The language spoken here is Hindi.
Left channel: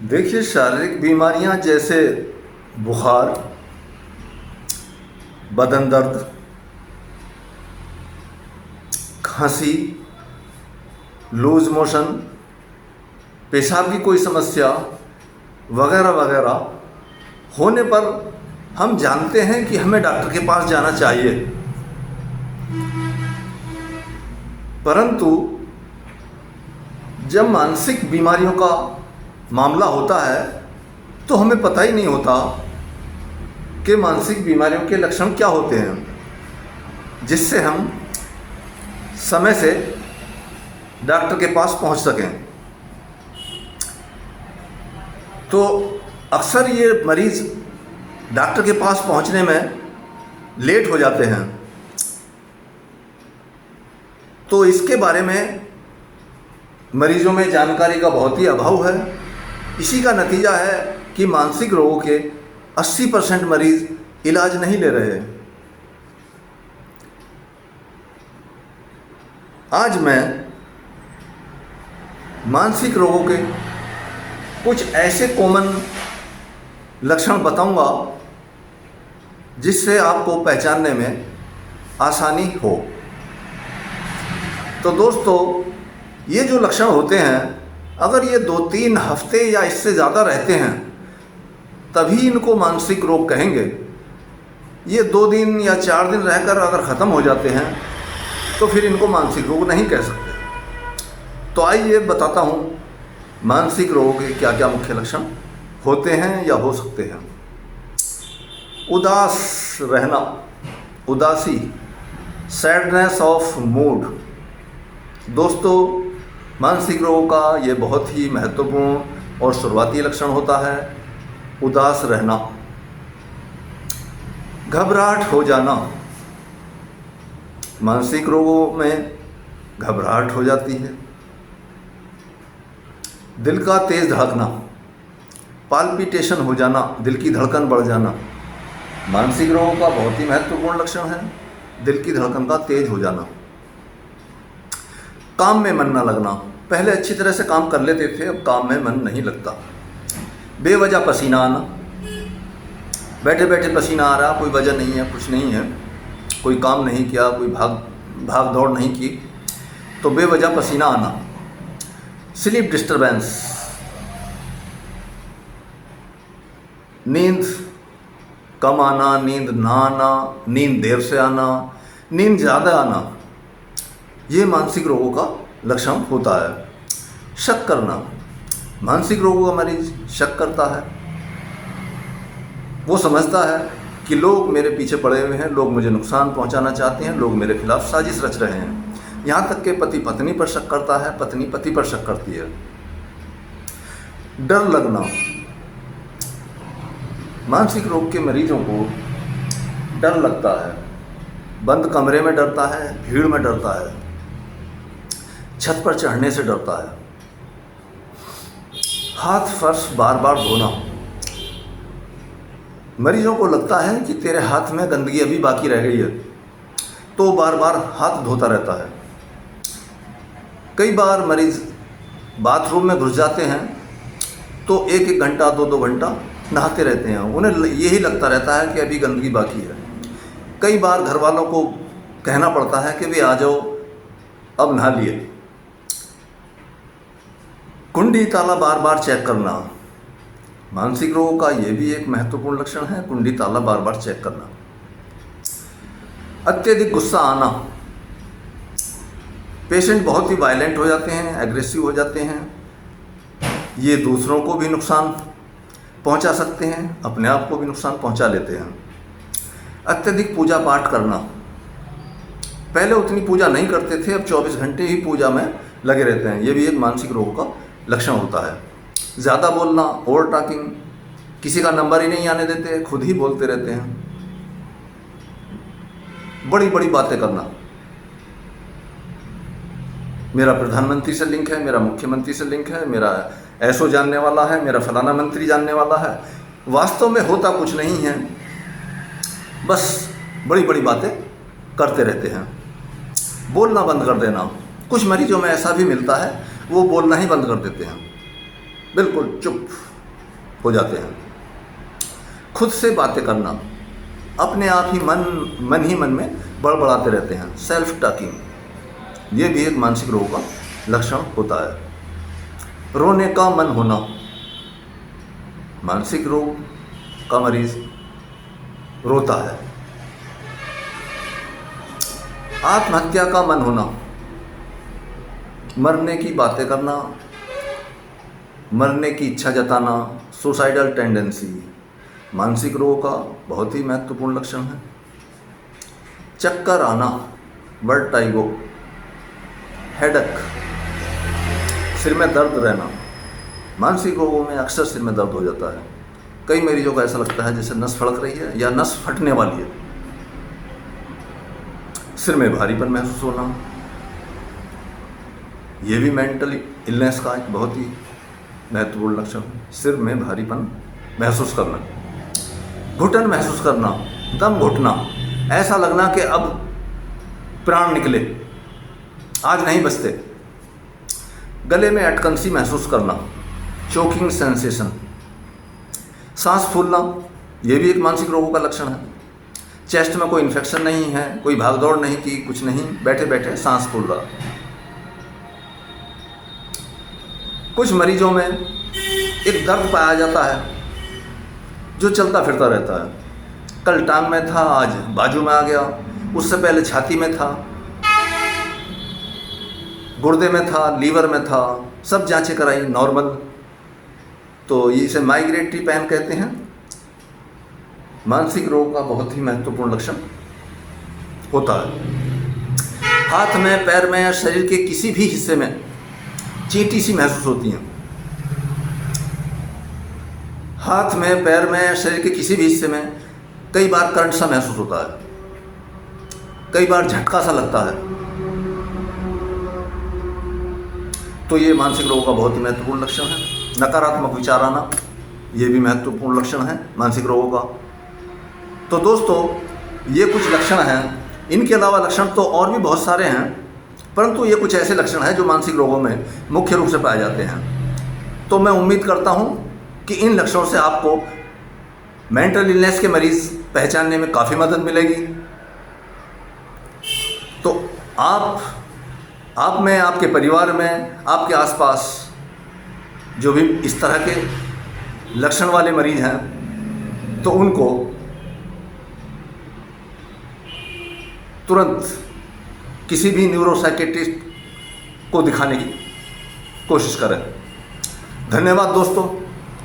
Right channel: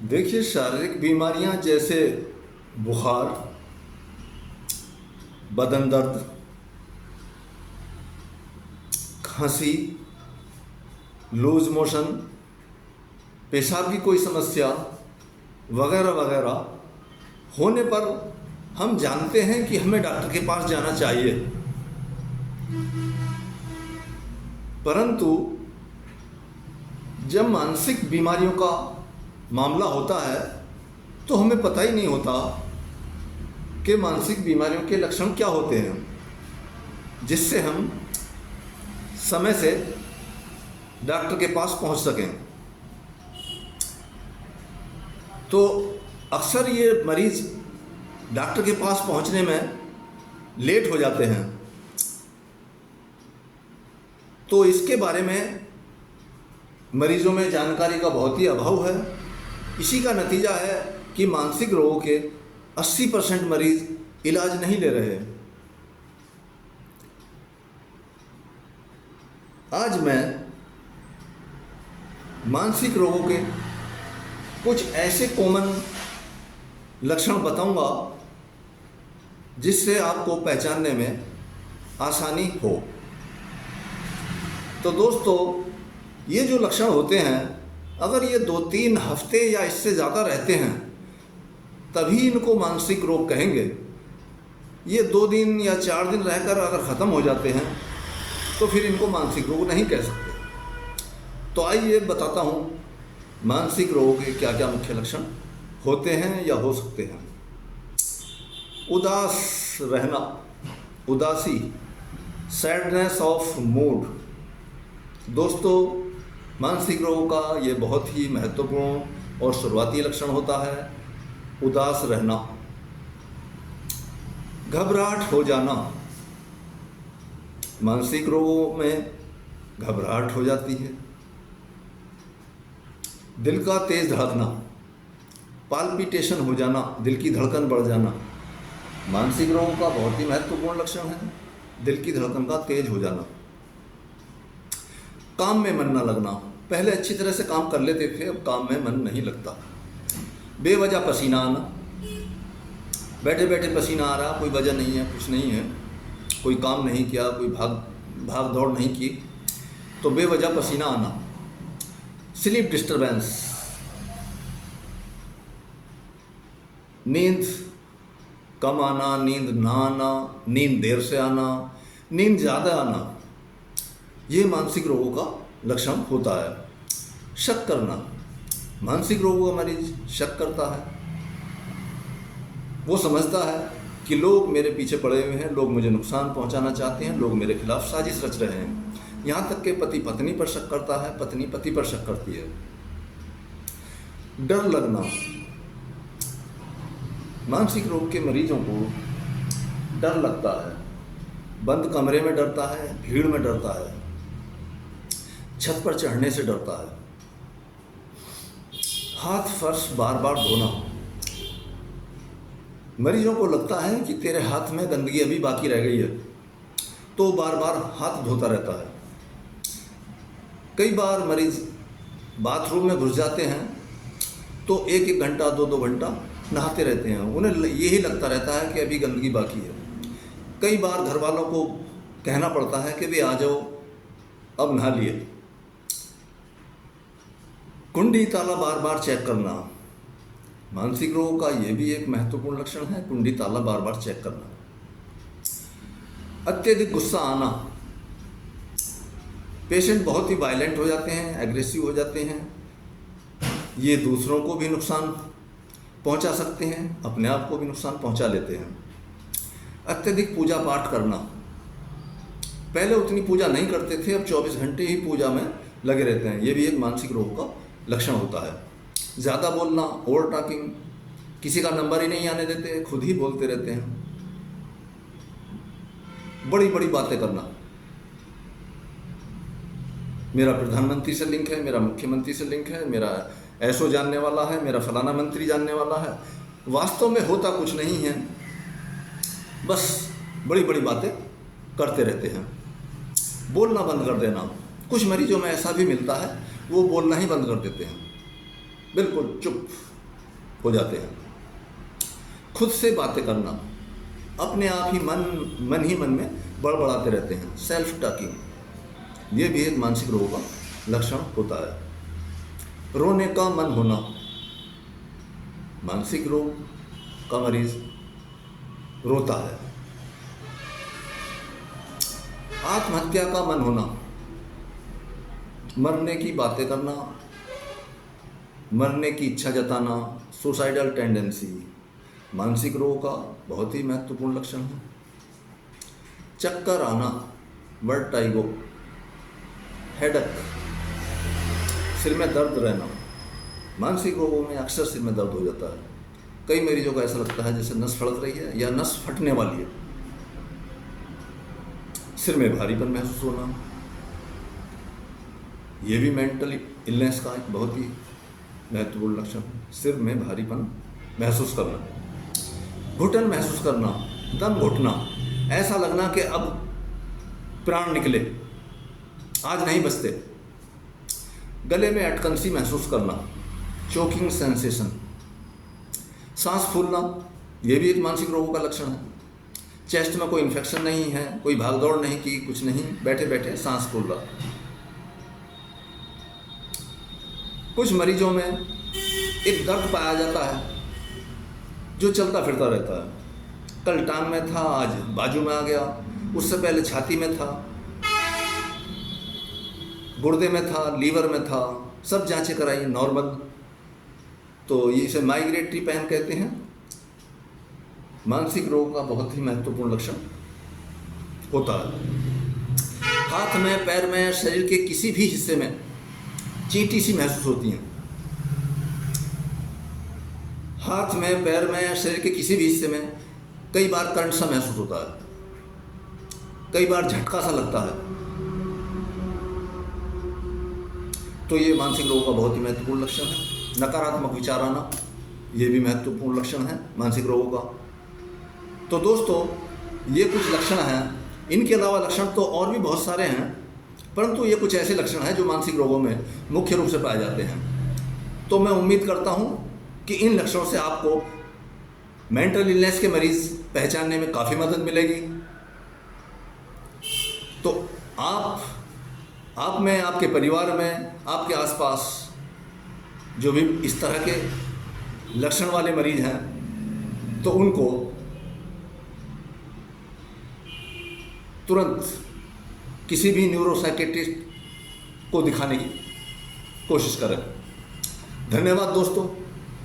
देखिए, शारीरिक बीमारियां जैसे बुखार, बदन दर्द, खांसी, लूज मोशन, पेशाब की कोई समस्या वगैरह वगैरह होने पर हम जानते हैं कि हमें डॉक्टर के पास जाना चाहिए। परंतु जब मानसिक बीमारियों का मामला होता है तो हमें पता ही नहीं होता कि मानसिक बीमारियों के लक्षण क्या होते हैं, जिससे हम समय से डॉक्टर के पास पहुंच सकें। तो अक्सर ये मरीज़ डॉक्टर के पास पहुंचने में लेट हो जाते हैं। तो इसके बारे में मरीजों में जानकारी का बहुत ही अभाव है। इसी का नतीजा है कि मानसिक रोगों के 80% मरीज इलाज नहीं ले रहे। आज मैं मानसिक रोगों के कुछ ऐसे कॉमन लक्षण बताऊंगा जिससे आपको पहचानने में आसानी हो। तो दोस्तों, ये जो लक्षण होते हैं, अगर ये 2-3 हफ्ते या इससे ज़्यादा रहते हैं तभी इनको मानसिक रोग कहेंगे। ये 2 दिन या 4 दिन रहकर अगर ख़त्म हो जाते हैं तो फिर इनको मानसिक रोग नहीं कह सकते। तो आइए बताता हूँ मानसिक रोगों के क्या क्या मुख्य लक्षण होते हैं या हो सकते हैं। उदास रहना, उदासी, सैडनेस ऑफ मूड। दोस्तों, मानसिक रोगों का ये बहुत ही महत्वपूर्ण और शुरुआती लक्षण होता है उदास रहना। घबराहट हो जाना, मानसिक रोगों में घबराहट हो जाती है। दिल का तेज धड़कना, पाल्पिटेशन हो जाना, दिल की धड़कन बढ़ जाना, मानसिक रोगों का बहुत ही महत्वपूर्ण लक्षण है। दिल की धड़कन का तेज हो जाना। काम में मन न लगना, पहले अच्छी तरह से काम कर लेते थे, अब काम में मन नहीं लगता। बेवजह पसीना आना, बैठे बैठे पसीना आ रहा, कोई वजह नहीं है, कुछ नहीं है, कोई काम नहीं किया, कोई भाग दौड़ नहीं की, तो बेवजह पसीना आना। स्लीप डिस्टर्बेंस, नींद कम आना, नींद ना आना, नींद देर से आना, नींद ज़्यादा आना, ये मानसिक रोगों का लक्षण होता है। शक करना, मानसिक रोगों का मरीज शक करता है। वो समझता है कि लोग मेरे पीछे पड़े हुए हैं, लोग मुझे नुकसान पहुंचाना चाहते हैं, लोग मेरे खिलाफ साजिश रच रहे हैं। यहाँ तक कि पति पत्नी पर शक करता है, पत्नी पति पर शक करती है। डर लगना, मानसिक रोग के मरीजों को डर लगता है। बंद कमरे में डरता है, भीड़ में डरता है, छत पर चढ़ने से डरता है। हाथ फर्श बार बार धोना, मरीजों को लगता है कि तेरे हाथ में गंदगी अभी बाकी रह गई है, तो बार बार हाथ धोता रहता है। कई बार मरीज बाथरूम में घुस जाते हैं तो 1-1 घंटा 2-2 घंटा नहाते रहते हैं। उन्हें यही लगता रहता है कि अभी गंदगी बाकी है। कई बार घर वालों को कहना पड़ता है कि वे आ जाओ, अब नहा लिए। कुंडी ताला बार बार चेक करना, मानसिक रोगों का यह भी एक महत्वपूर्ण लक्षण है, कुंडी ताला बार बार चेक करना। अत्यधिक गुस्सा आना, पेशेंट बहुत ही वायलेंट हो जाते हैं, एग्रेसिव हो जाते हैं। ये दूसरों को भी नुकसान पहुंचा सकते हैं, अपने आप को भी नुकसान पहुंचा लेते हैं। अत्यधिक पूजा पाठ करना, पहले उतनी पूजा नहीं करते थे, अब 24 घंटे ही पूजा में लगे रहते हैं। ये भी एक मानसिक रोग का लक्षण होता है। ज़्यादा बोलना, ओवर टॉकिंग, किसी का नंबर ही नहीं आने देते, खुद ही बोलते रहते हैं। बड़ी बड़ी बातें करना, मेरा प्रधानमंत्री से लिंक है, मेरा मुख्यमंत्री से लिंक है, मेरा ऐसो जानने वाला है, मेरा फलाना मंत्री जानने वाला है। वास्तव में होता कुछ नहीं है, बस बड़ी बड़ी बातें करते रहते हैं। बोलना बंद कर देना, कुछ मरीजों में ऐसा भी मिलता है, वो बोलना ही बंद कर देते हैं। बिल्कुल चुप हो जाते हैं। खुद से बातें करना, अपने आप ही मन ही मन में बड़बड़ाते रहते हैं, सेल्फ टॉकिंग, ये भी एक मानसिक रोग का लक्षण होता है। रोने का मन होना, मानसिक रोग का मरीज रोता है। आत्महत्या का मन होना, मरने की बातें करना, मरने की इच्छा जताना, सुसाइडल टेंडेंसी, मानसिक रोग का बहुत ही महत्वपूर्ण लक्षण है। चक्कर आना, वर्टाइगो, हेडक, सिर में दर्द रहना, मानसिक रोगों में अक्सर सिर में दर्द हो जाता है। कई मरीजों को ऐसा लगता है जैसे नस फड़क रही है या नस फटने वाली है। सिर में भारीपन महसूस होना, ये भी मेंटल इलनेस का एक बहुत ही महत्वपूर्ण लक्षण है। सिर में भारीपन महसूस करना, घुटन महसूस करना, दम घुटना, ऐसा लगना कि अब प्राण निकले, आज नहीं बचते। गले में अटकन-सी महसूस करना, चोकिंग सेंसेशन, सांस फूलना, ये भी एक मानसिक रोगों का लक्षण है। चेस्ट में कोई इन्फेक्शन नहीं है, कोई भागदौड़ नहीं की, कुछ नहीं, बैठे बैठे सांस फूल रहा। कुछ मरीजों में एक दर्द पाया जाता है जो चलता फिरता रहता है। कल टांग में था, आज बाजू में आ गया, उससे पहले छाती में था, गुर्दे में था, लीवर में था, सब जांचें कराई, नॉर्मल। तो इसे माइग्रेटरी पेन कहते हैं। मानसिक रोग का बहुत ही महत्वपूर्ण लक्षण होता है। हाथ में, पैर में या शरीर के किसी भी हिस्से में चींटी सी महसूस होती है। हाथ में, पैर में या शरीर के किसी भी हिस्से में कई बार करंट सा महसूस होता है, कई बार झटका सा लगता है। तो ये मानसिक रोग का बहुत ही महत्वपूर्ण लक्षण है। नकारात्मक विचार आना, ये भी महत्वपूर्ण लक्षण है मानसिक रोगों का। तो दोस्तों, ये कुछ लक्षण हैं। इनके अलावा लक्षण तो और भी बहुत सारे हैं, परंतु ये कुछ ऐसे लक्षण हैं जो मानसिक रोगों में मुख्य रूप से पाए जाते हैं। तो मैं उम्मीद करता हूँ कि इन लक्षणों से आपको मेंटल इलनेस के मरीज पहचानने में काफ़ी मदद मिलेगी। तो आप में, आपके परिवार में, आपके आसपास जो भी इस तरह के लक्षण वाले मरीज हैं, तो उनको तुरंत किसी भी न्यूरोसाइकियाट्रिस्ट को दिखाने की कोशिश करें। धन्यवाद दोस्तों।